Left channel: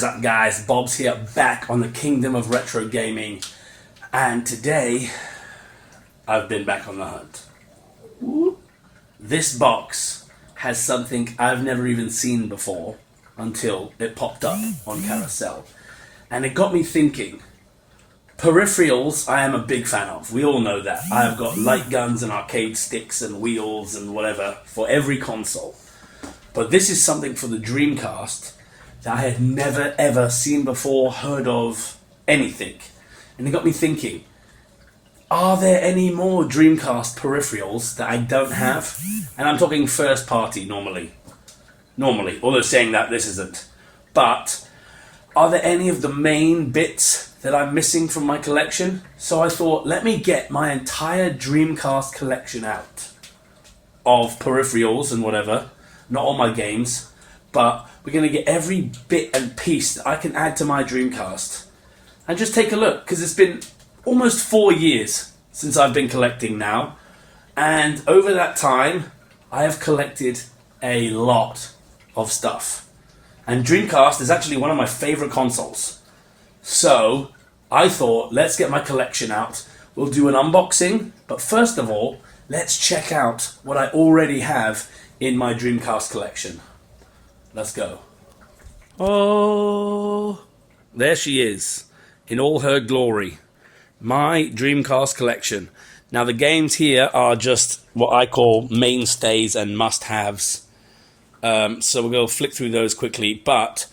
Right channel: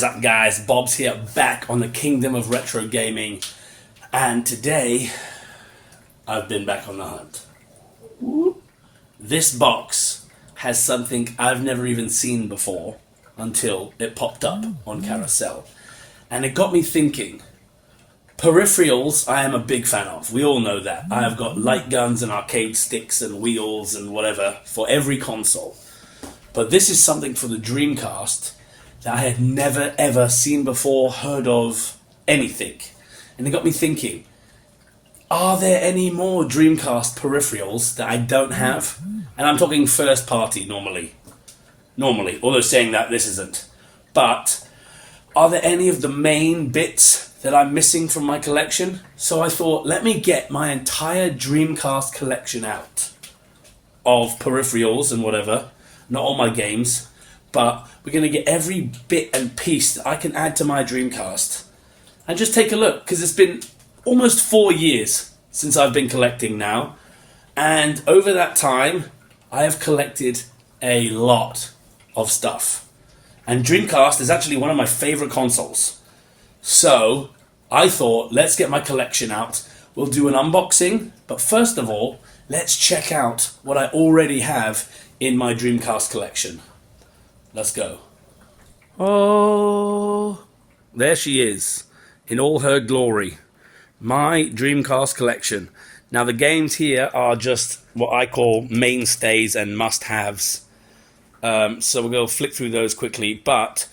is up, guys? Bob's here, back on the Kingdom of Retro Gaming, and today I've been back on the hunt. This box has something I've never even seen before until it popped up on Carousel, and it got me thinking. Peripherals I am a big fan of, we all know that. I've got light guns and arcade sticks and wheels and whatever for every console, but this is something for the Dreamcast that I had never ever seen before, heard of, anything. And it got me thinking, are there any more Dreamcast peripherals that I don't have? And I'm talking first party normally, although saying that this isn't. But are there any of the main bits that I'm missing from my collection? So I thought, let me get my entire Dreamcast collection out of peripherals and whatever, not all my games, but we're going to get every bit and piece that I can add to my Dreamcast and just take a look, because it's been almost 4 years since I've been collecting now, and over that time I have collected a lot of stuff, and Dreamcast is actually one of my favourite consoles. So I thought, let's get my collection out, we'll do an unboxing, but first of all let's check out what I already have in my Dreamcast collection. Let's go. Oh, there she is, in all her glory. My Dreamcast collection. Now the games here are just what I call mainstays and must-haves. So we'll go flick through those quickly, but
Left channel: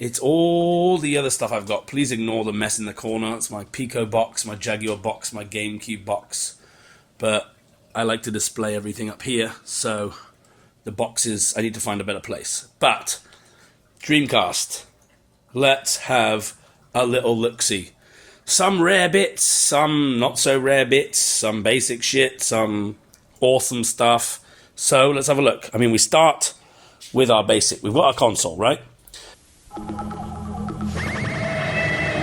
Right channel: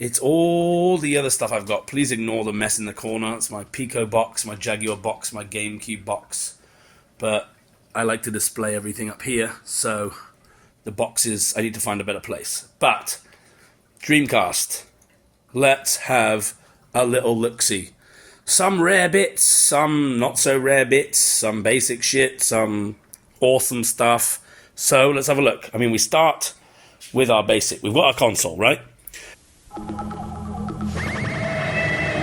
it's all the other stuff I've got. Please ignore the mess in the corner. It's my Pico box, my Jaguar box, my GameCube box. But I like to display everything up here, so the boxes, I need to find a better place. But Dreamcast, let's have a little look-see. Some rare bits, some not so rare bits, some basic shit, some awesome stuff. So let's have a look. I mean, we start with our basic. We've got our console, right?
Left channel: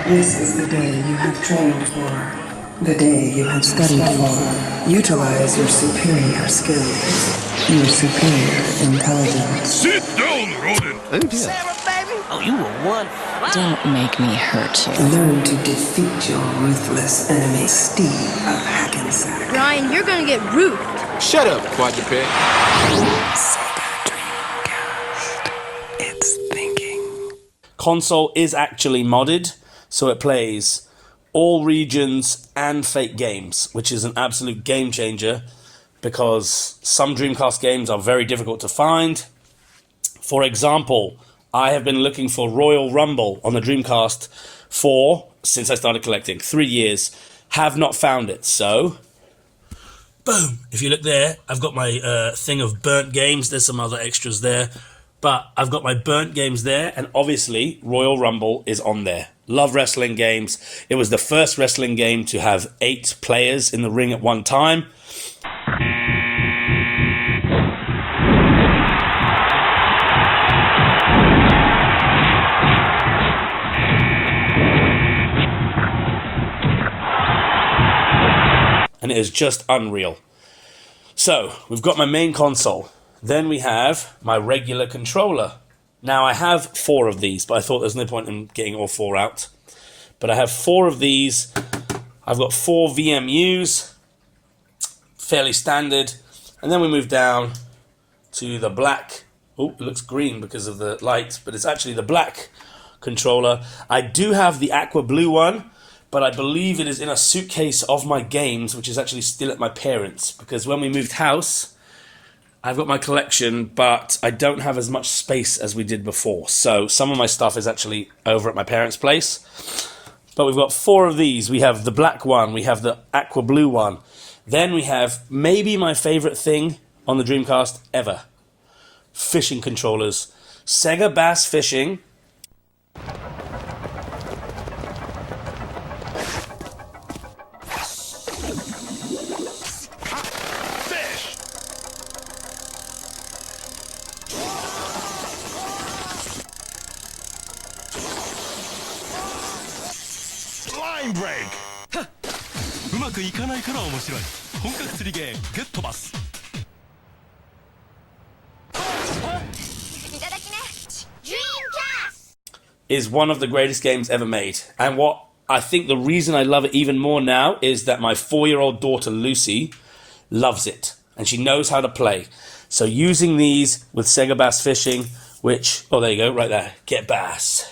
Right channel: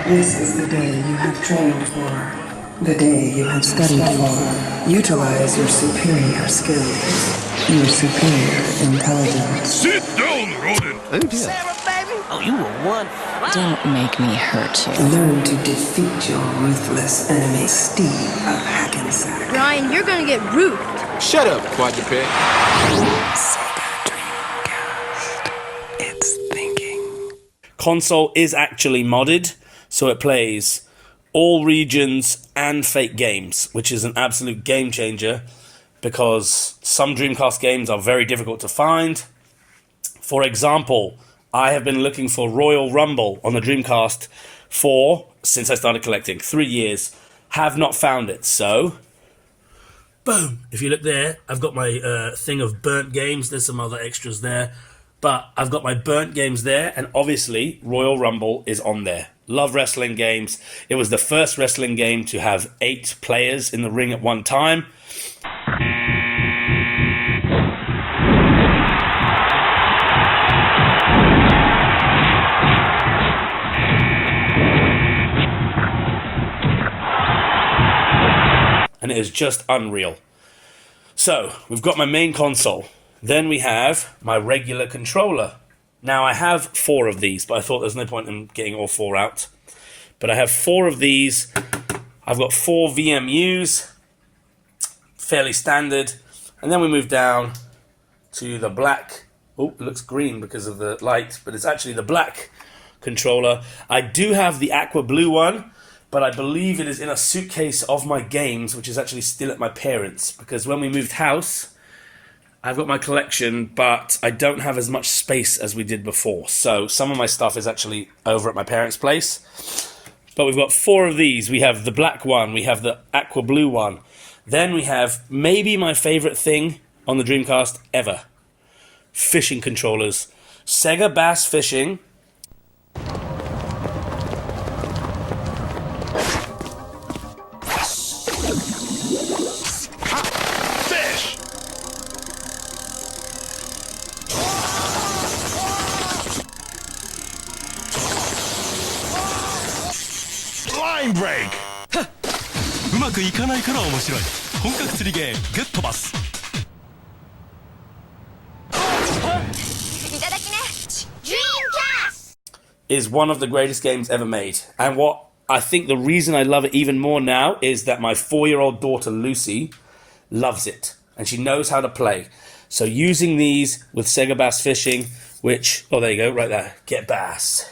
This is the day you have trained for, the day you have studied for. Utilize your superior skills, your superior intelligence. Sit down, rodent! Oh dear. Sarah, baby! Oh, you were one. Don't make me hurt you. Learn to defeat your ruthless enemy, Steve of Hackensack. Brian, you're gonna get roofed. Shut up, quadruped. Sega Dreamcast. It's thinking. Console is actually modded, so it plays all regions and fake games, which is an absolute game changer, because some Dreamcast games are very difficult to find. For example, I have been looking for Royal Rumble on the Dreamcast since I started collecting, 3 years, have not found it. So boom, if you look there, I've got my thing of burnt games. There's some other extras there, but I've got my burnt games there, and obviously Royal Rumble is on there. Love wrestling games. It was the first wrestling game to have 8 players in the ring at one time. And it is just unreal. So, we've got my main console. Then we have my regular controller. Now, I have 4 of these, but I thought there's no point in getting all 4 out. But I have 4 of these. I've got 4 VMUs, fairly standard. And then we move down to the black. Oh, it looks green because of the light, but it's actually the black controller. I do have the aqua blue one, but I believe it is in a suitcase of my games, which is actually still at my parents', because when we moved house, I've got my collection, but I don't have as much space as we did before. So some of my stuff is actually over at my parents' place. But we've got 4 of these. We have the black one, we have the aqua blue one. Then we have maybe my favorite thing on the Dreamcast ever. Fishing controllers. Sega Bass Fishing. Line break! うまくいかないから面白い本格釣りゲームグッドバスいただきね。Dreamcast! is one of the greatest games ever made. And what I think the reason I love it even more now is that my 4-year-old daughter Lucy loves it. And she knows how to play. So using these with Sega Bass Fishing, which, oh, there you go, right there. Get bass.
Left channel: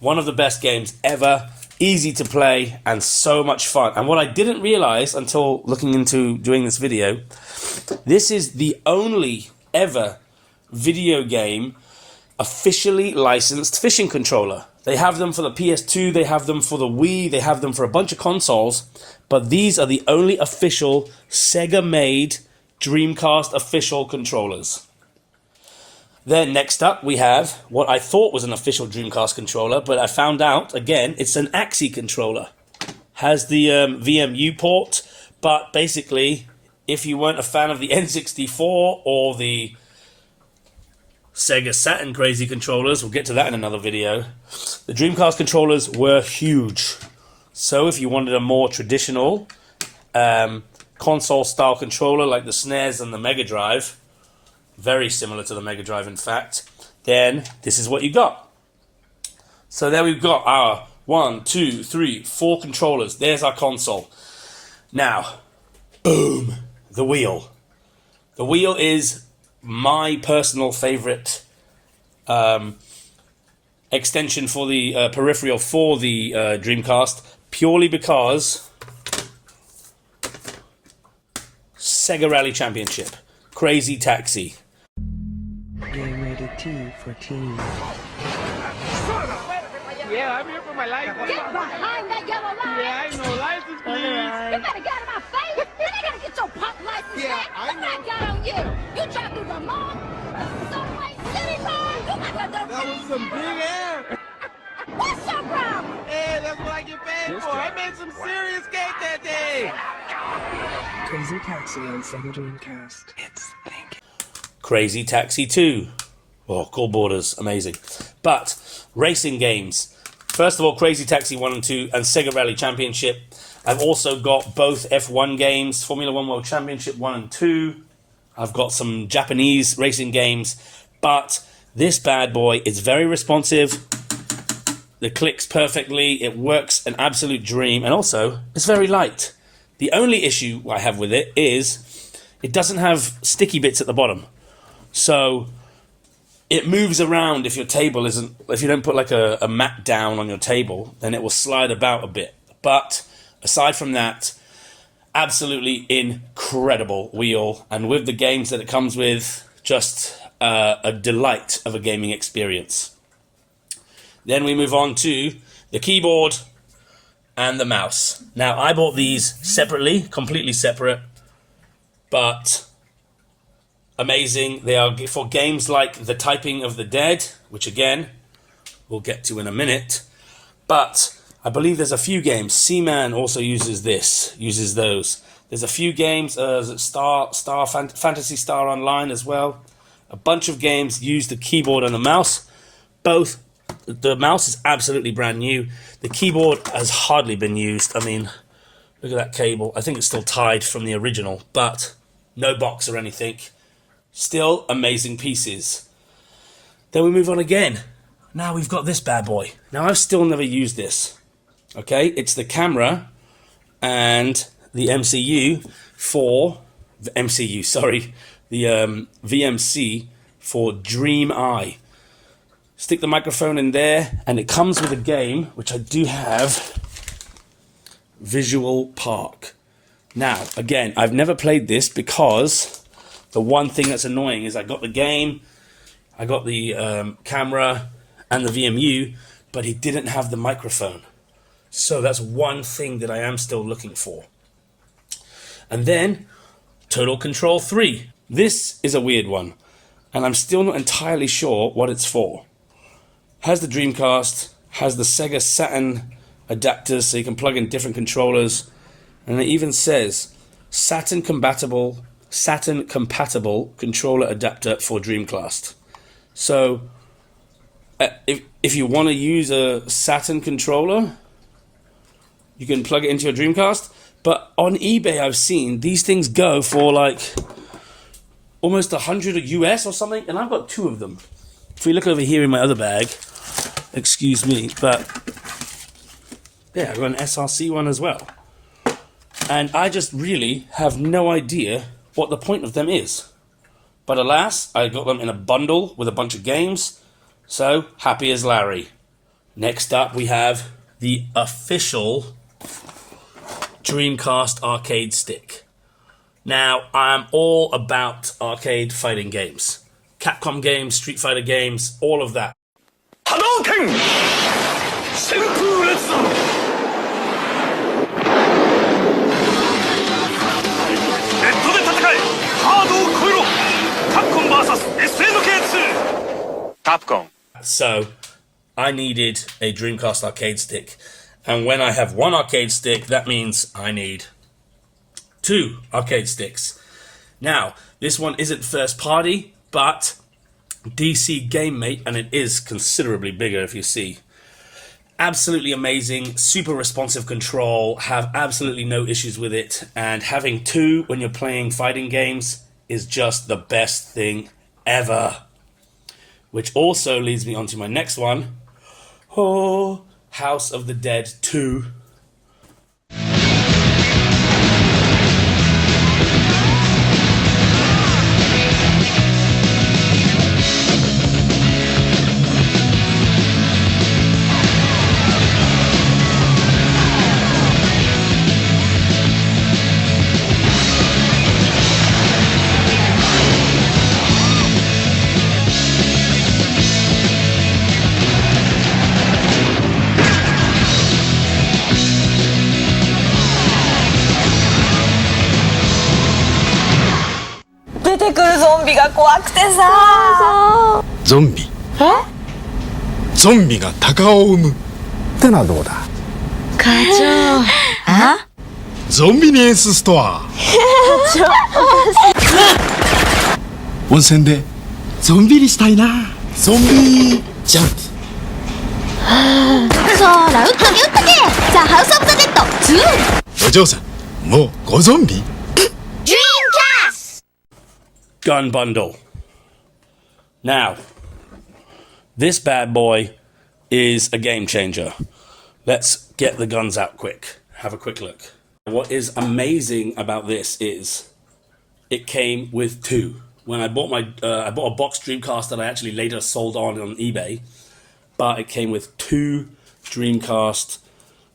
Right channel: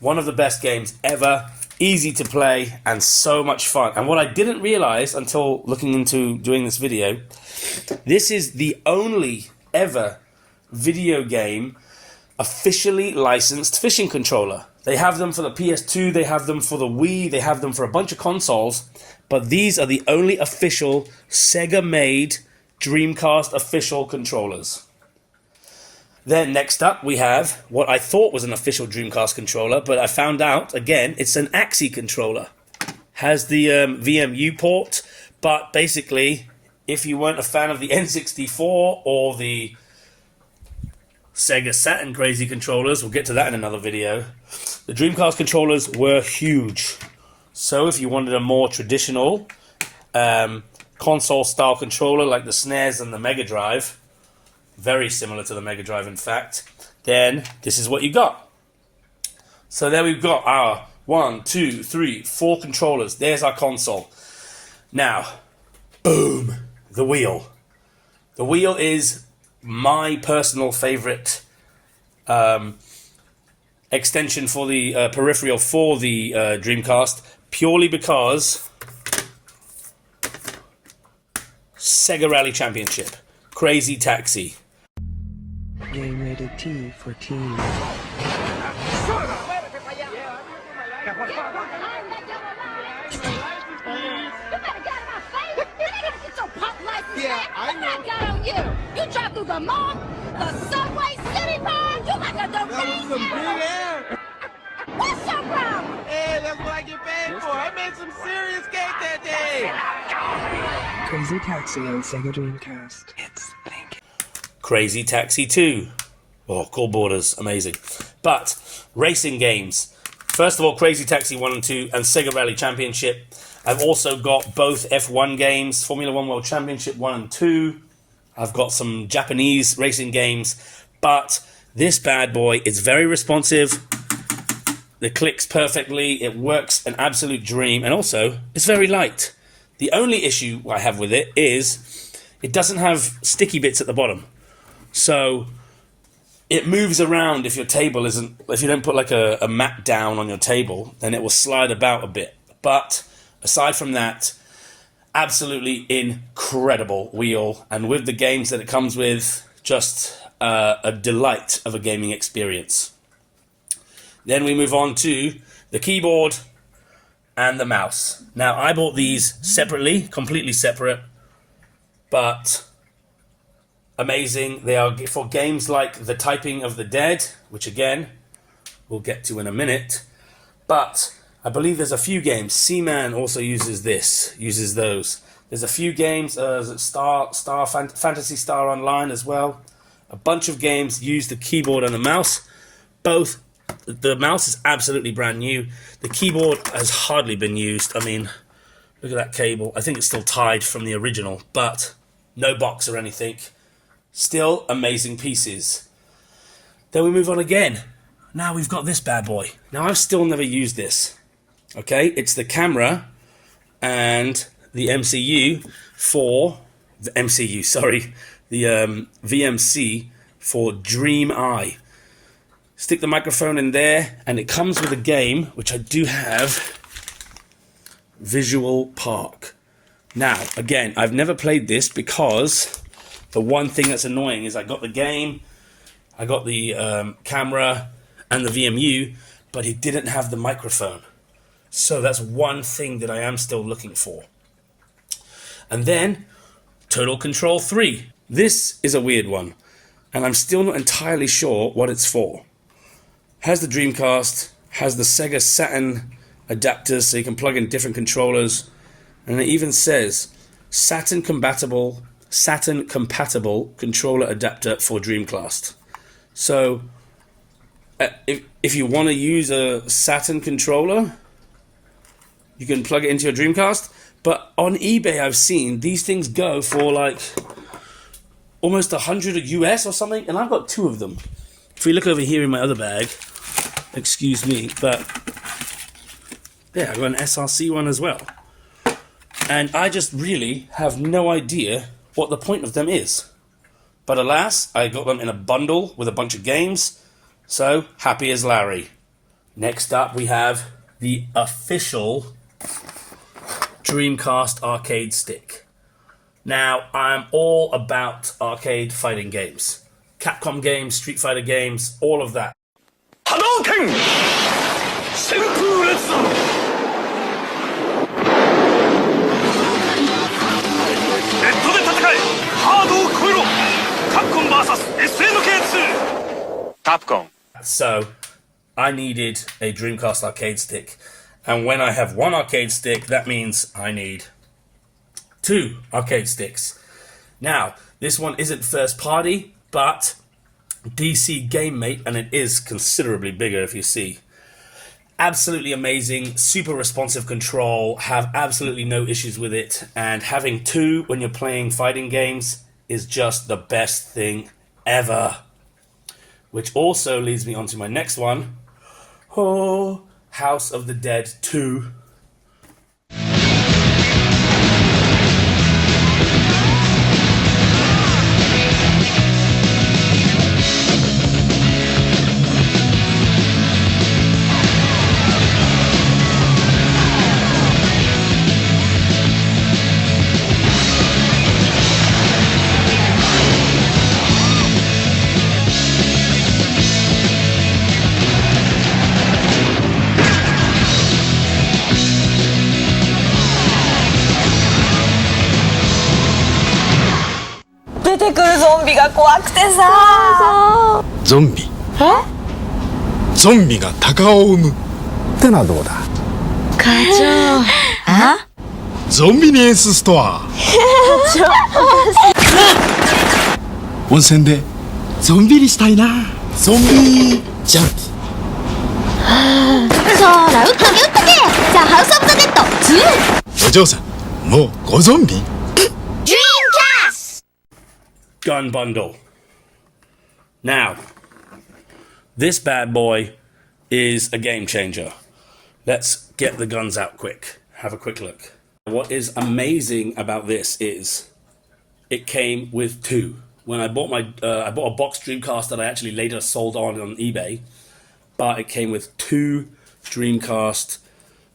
One of the best games ever. Easy to play and so much fun. And what I didn't realize until looking into doing this video, this is the only ever video game officially licensed fishing controller. They have them for the PS2, they have them for the Wii, they have them for a bunch of consoles, but these are the only official Sega-made Dreamcast official controllers. Then next up we have what I thought was an official Dreamcast controller, but I found out, again, it's an AXI controller. Has the VMU port, but basically, if you weren't a fan of the N64 or the Sega Saturn crazy controllers, we'll get to that in another video, the Dreamcast controllers were huge. So if you wanted a more traditional console-style controller like the SNES and the Mega Drive, very similar to the Mega Drive in fact, then this is what you got. So there we've got our 1, 2, 3, 4 controllers. There's our console. Now, boom, the wheel. The wheel is my personal favorite extension for the peripheral for the Dreamcast, purely because Sega Rally Championship, Crazy Taxi. Game rated T for teen. Yeah, I'm here for my license. Get behind that yellow line. Yeah, I know. License, please. You better get out of my face. You ain't gonna get your pop license Yeah, back. I Look what I got on you. You drive through the mall, the subway, city line. You like a That was some big air. What's your problem? Hey, that's what I get paid for. I made some serious cake that day. Crazy Taxi on Sega Dreamcast. It's thinking. Crazy Taxi 2. Oh, cool borders, amazing. But racing games. First of all, Crazy Taxi 1 and 2 and Sega Rally Championship. I've also got both F1 games, Formula 1 World Championship 1 and 2. I've got some Japanese racing games. But this bad boy is very responsive. It clicks perfectly. It works an absolute dream. And also, it's very light. The only issue I have with it is it doesn't have sticky bits at the bottom. So it moves around if your table isn't, if you don't put like a mat down on your table, then it will slide about a bit. But aside from that, absolutely incredible wheel. And with the games that it comes with, just a delight of a gaming experience. Then we move on to the keyboard and the mouse. Now, I bought these separately, completely separate, but amazing. They are for games like The Typing of the Dead, which again, we'll get to in a minute. But I believe there's a few games. Seaman also uses those. There's a few games, Fantasy Star Online as well. A bunch of games use the keyboard and the mouse. Both, the mouse is absolutely brand new. The keyboard has hardly been used. I mean, look at that cable. I think it's still tied from the original, but no box or anything. Still amazing pieces. Then we move on again. Now we've got this bad boy. Now I've still never used this. Okay, it's the camera and the MCU for the MCU. Sorry, the VMC for Dream Eye. Stick the microphone in there, and it comes with a game which I do have. Visual Park. Now, again, I've never played this because the one thing that's annoying is I got the game, I got the camera and the VMU, but it didn't have the microphone. So that's one thing that I am still looking for. And then, Total Control 3. This is a weird one, and I'm still not entirely sure what it's for. Has the Dreamcast, has the Sega Saturn adapters so you can plug in different controllers, and it even says Saturn compatible controller adapter for Dreamcast. So if you want to use a Saturn controller, you can plug it into your Dreamcast. But on eBay I've seen these things go for like almost $100 US or something, and I've got 2 of them. If we look over here in my other bag, excuse me, but yeah, I've got an SRC one as well. And I just really have no idea what the point of them is. But alas, I got them in a bundle with a bunch of games, so happy as Larry. Next up we have the official Dreamcast arcade stick. Now, I'm all about arcade fighting games. Capcom games, Street Fighter games, all of that. Hadouken! Senpu Retsu! ネットで戦えハードを超えろカプコン vs SNK2 Capcom. So, I needed a Dreamcast arcade stick. And when I have one arcade stick, that means I need 2 arcade sticks. Now, this one isn't first party, but DC GameMate, and it is considerably bigger if you see. Absolutely amazing, super responsive control, have absolutely no issues with it, and having 2 when you're playing fighting games is just the best thing ever. Which also leads me on to my next one. Oh, House of the Dead 2.ゾンビゾンビが鷹を生むってのはどうだ課長あゾンビニエンスストア温泉でゾンビにしたいなゾンビジャンプそら打っとけザ・ハウス・オブ・ザ・デッド2お嬢さんもうごゾンビ Dreamcast Gun bundle. Now, this bad boy is a game changer. Let's get the guns out quick. Have a quick look. What is amazing about this is it came with 2. When I bought I bought a box Dreamcast that I actually later sold on eBay, but it came with 2 Dreamcast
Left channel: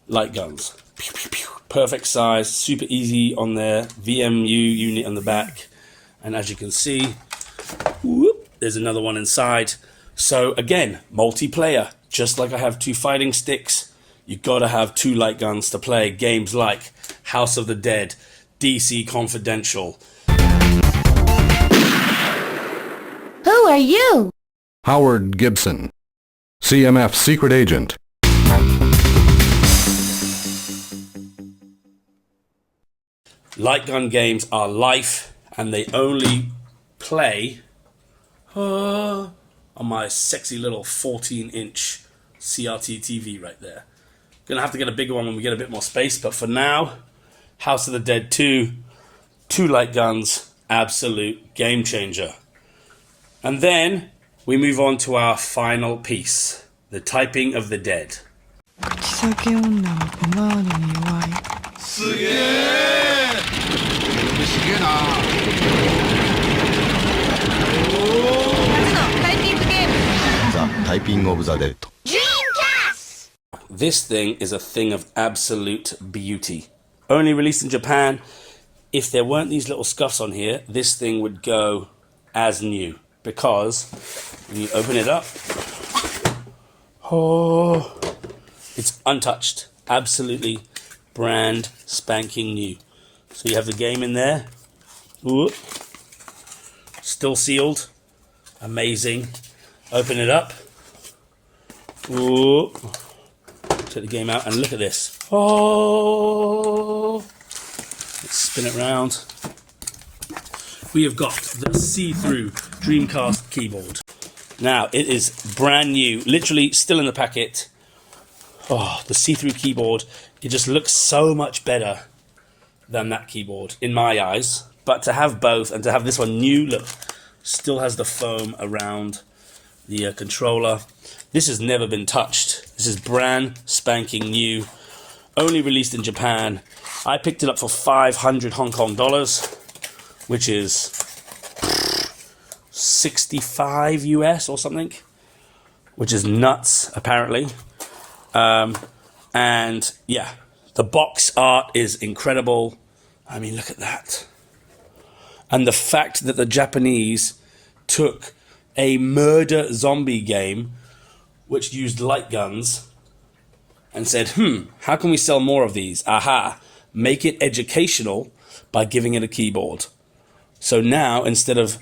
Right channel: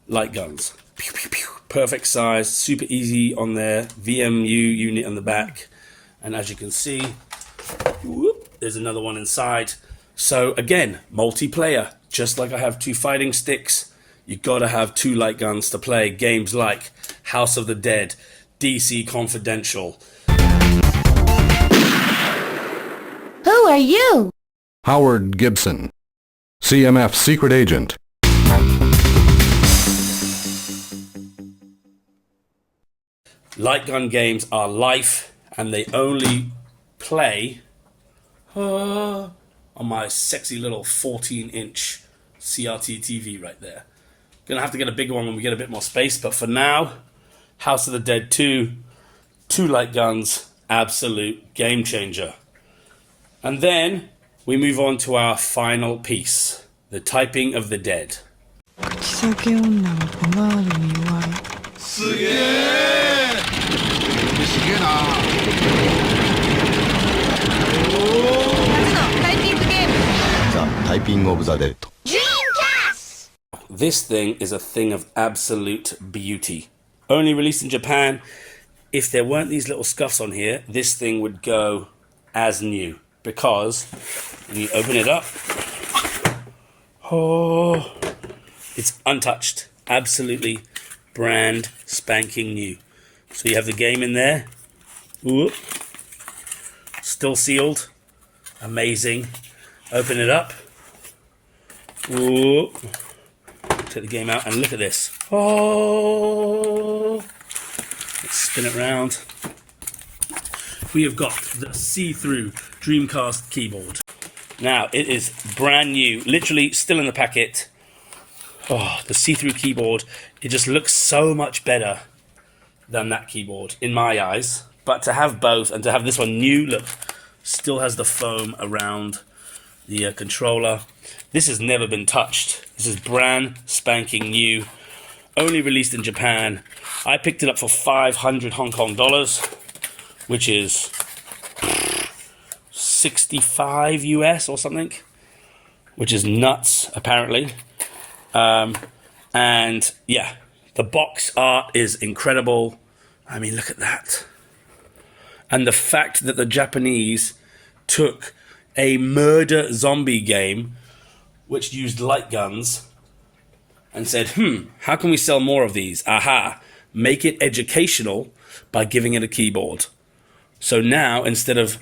light guns. Pew, pew, pew. Perfect size, super easy on there. VMU unit on the back. And as you can see, whoop, there's another one inside. So again, multiplayer. Just like I have 2 fighting sticks, you gotta have 2 light guns to play games like House of the Dead, DC Confidential. Who are you? Howard Gibson, CMF secret agent. Light gun games are life, and they only play on my sexy little 14-inch CRT TV right there. Gonna have to get a bigger one when we get a bit more space, but for now, House of the Dead 2, 2 light guns, absolute game changer. And then we move on to our final piece, the Typing of the Dead. 口先女はポマードに弱いすげえすげえな初のタイピングゲームザ・タイピング・オブ・ザ・デッド Dreamcast This thing is a thing of absolute beauty. Only released in Japan. If there weren't these little scuffs on here, this thing would go as new. Because when you open it up, oh, it's untouched. Absolutely brand spanking new. So you have the game in there. Ooh. Still sealed. Amazing. Open it up. Ooh. Take the game out and look at this. Oh. Let's spin it around. We have got the see-through Dreamcast keyboard. Now, it is brand new, literally still in the packet. Oh, the see-through keyboard, it just looks so much better than that keyboard, in my eyes. But to have both, and to have this one new, look, still has the foam around the controller. This has never been touched. This is brand spanking new, only released in Japan. I picked it up for 500 Hong Kong dollars, which is 65 US or something, which is nuts apparently. And yeah, the box art is incredible. I mean, look at that. And the fact that the Japanese took a murder zombie game which used light guns and said, how can we sell more of these? Aha, make it educational by giving it a keyboard. So now, instead of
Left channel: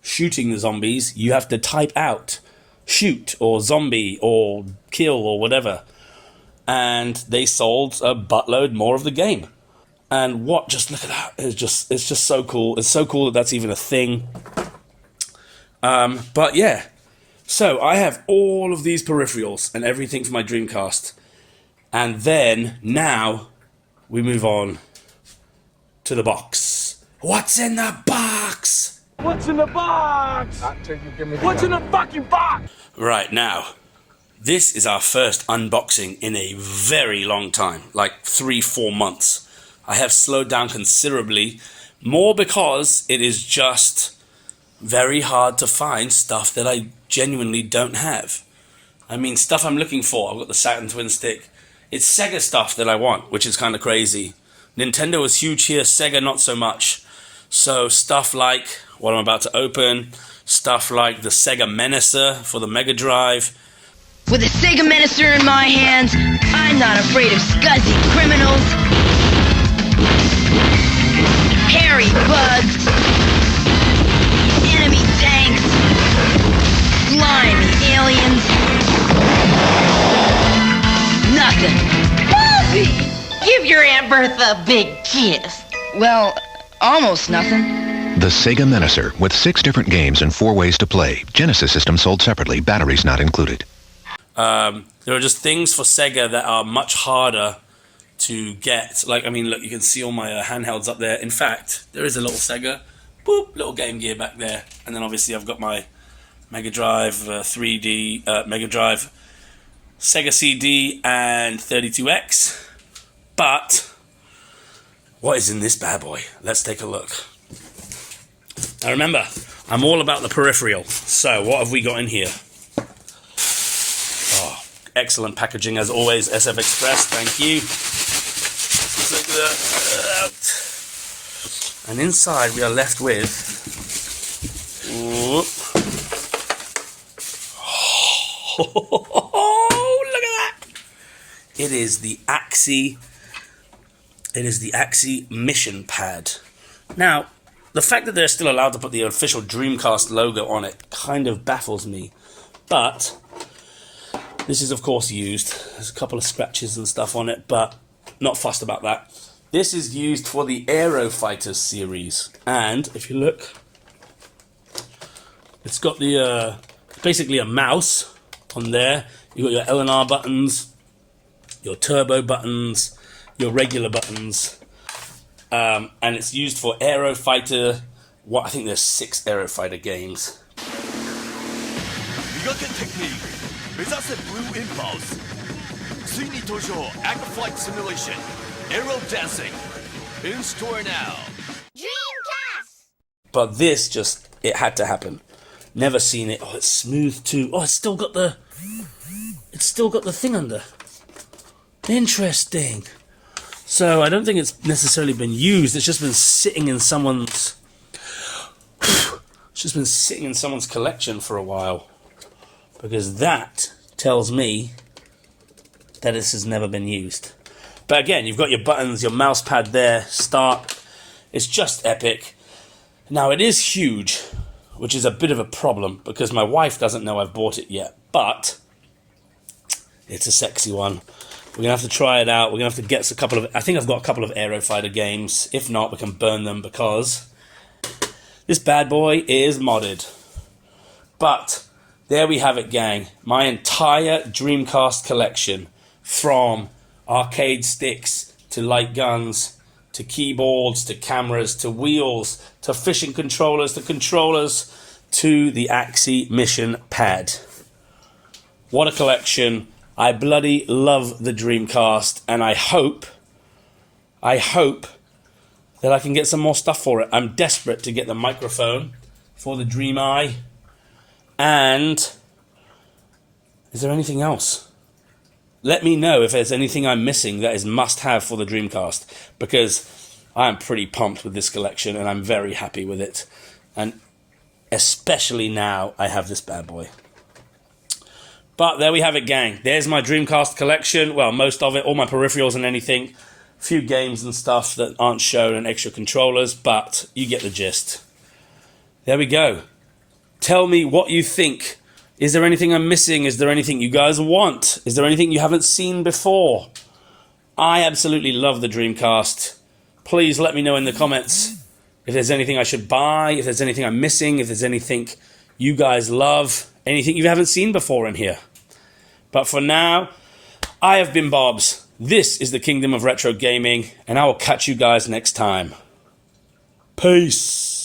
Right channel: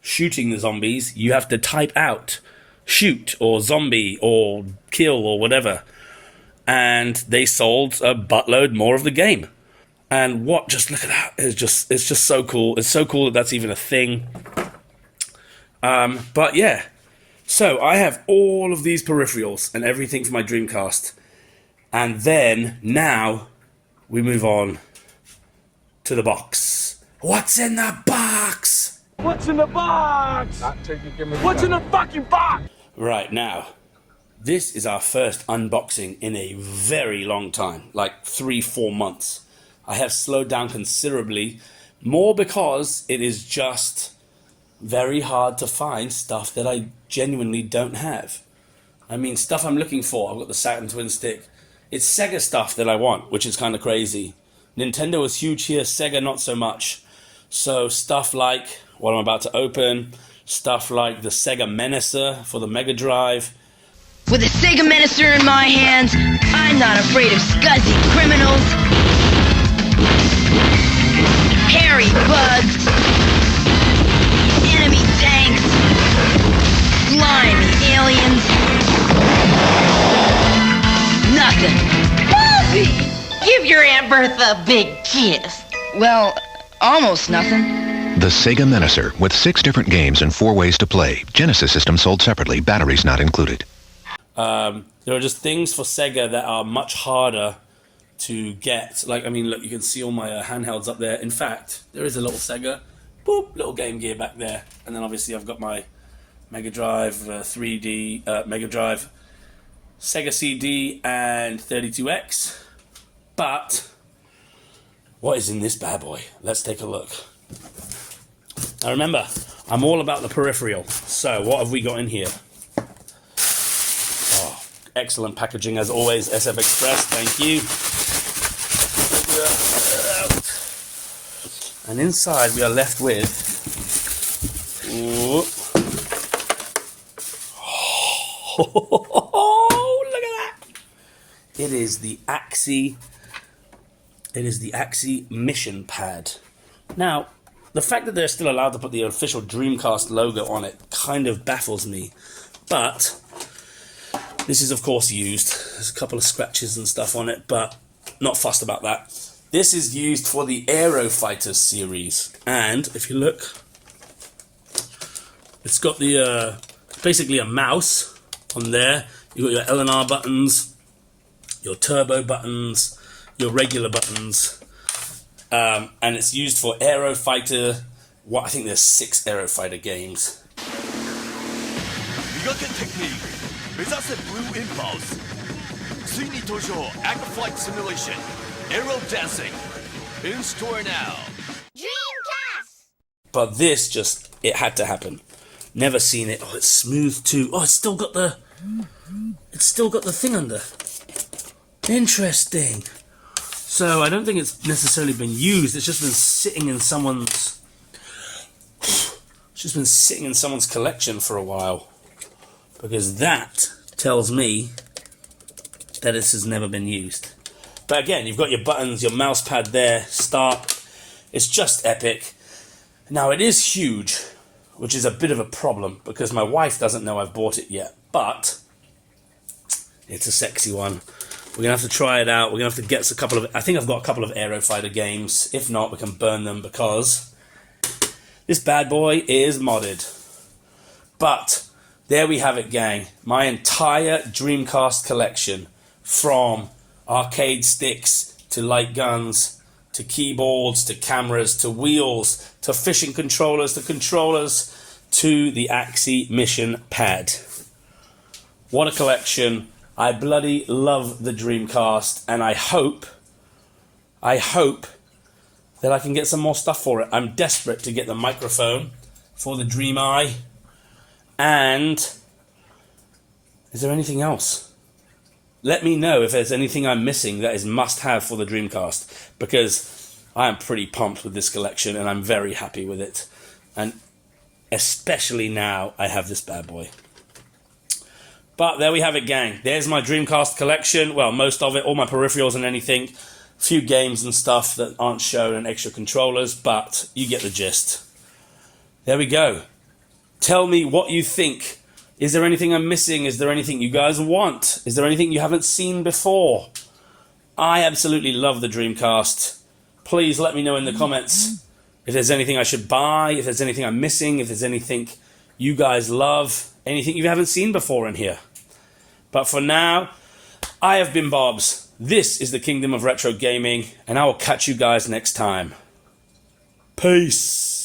shooting the zombies, you have to type out shoot or zombie or kill or whatever. And they sold a buttload more of the game. And just look at that. It's just so cool. It's so cool that that's even a thing. But yeah. So I have all of these peripherals and everything for my Dreamcast. And then now we move on to the box. What's in the box? What's in the box? What's in the fucking box? Right, now, this is our first unboxing in a very long time, like 3-4 months. I have slowed down considerably, more because it is just very hard to find stuff that I genuinely don't have. I mean, stuff I'm looking for. I've got the Saturn Twin Stick. It's Sega stuff that I want, which is kind of crazy. Nintendo is huge here, Sega not so much. So stuff like what I'm about to open, stuff like the Sega Menacer for the Mega Drive. With a Sega Menacer in my hands, I'm not afraid of scuzzy criminals, hairy bugs, enemy tanks, slimy aliens. Nothing. Bobby! Give your Aunt Bertha a big kiss. Well, almost nothing. The Sega Menacer, with 6 different games and 4 ways to play. Genesis system sold separately, batteries not included. There are just things for Sega that are much harder to get. Like, I mean, look, you can see all my handhelds up there. In fact, there is a little Sega, boop, little Game Gear back there. And then obviously I've got my Mega Drive 3D, Mega Drive, Sega CD, and 32X. But what is in this bad boy? Let's take a look. Now remember, I'm all about the peripheral. So what have we got in here? Oh, excellent packaging as always, SF Express, thank you. And inside we are left with... Oh, look at that! It is the Axie. It is the Axie Mission Pad. Now, the fact that they're still allowed to put the official Dreamcast logo on it kind of baffles me. But this is, of course, used. There's a couple of scratches and stuff on it, but not fussed about that. This is used for the Aero Fighters series. And if you look, it's got the basically a mouse on there. You've got your L and R buttons, your turbo buttons, your regular buttons. And it's used for Aero Fighter. I think there's 6 Aero Fighter games. 磨けテクニック目指せブルーインパルスついに登場 Act Flight Simulation Aero Dancing in store now. Dreamcast! But this it had to happen. Never seen it. Oh, it's smooth too. Oh, it's still got the thing under. Interesting. So I don't think it's necessarily been used. It's just been sitting in someone's... It's just been sitting in someone's collection for a while. Because that tells me that this has never been used. But again, you've got your buttons, your mouse pad there, start. It's just epic. Now it is huge, which is a bit of a problem because my wife doesn't know I've bought it yet. But it's a sexy one. We're going to have to try it out. We're going to have to get a couple of... I think I've got a couple of Aero Fighter games. If not, we can burn them because this bad boy is modded. But there we have it, gang. My entire Dreamcast collection, from arcade sticks to light guns to keyboards to cameras to wheels to fishing controllers to controllers to the Axie Mission Pad. What a collection. I bloody love the Dreamcast, and I hope that I can get some more stuff for it. I'm desperate to get the microphone for the Dream Eye. And is there anything else? Let me know if there's anything I'm missing that is must-have for the Dreamcast, because I am pretty pumped with this collection and I'm very happy with it. And especially now I have this bad boy. But there we have it, gang. There's my Dreamcast collection. Well, most of it, all my peripherals and anything. A few games and stuff that aren't shown and extra controllers, but you get the gist. There we go. Tell me what you think. Is there anything I'm missing? Is there anything you guys want? Is there anything you haven't seen before? I absolutely love the Dreamcast. Please let me know in the comments if there's anything I should buy, if there's anything I'm missing, if there's anything you guys love, anything you haven't seen before in here. But for now, I have been Bobs. This is the Kingdom of Retro Gaming, and I will catch you guys next time. Peace.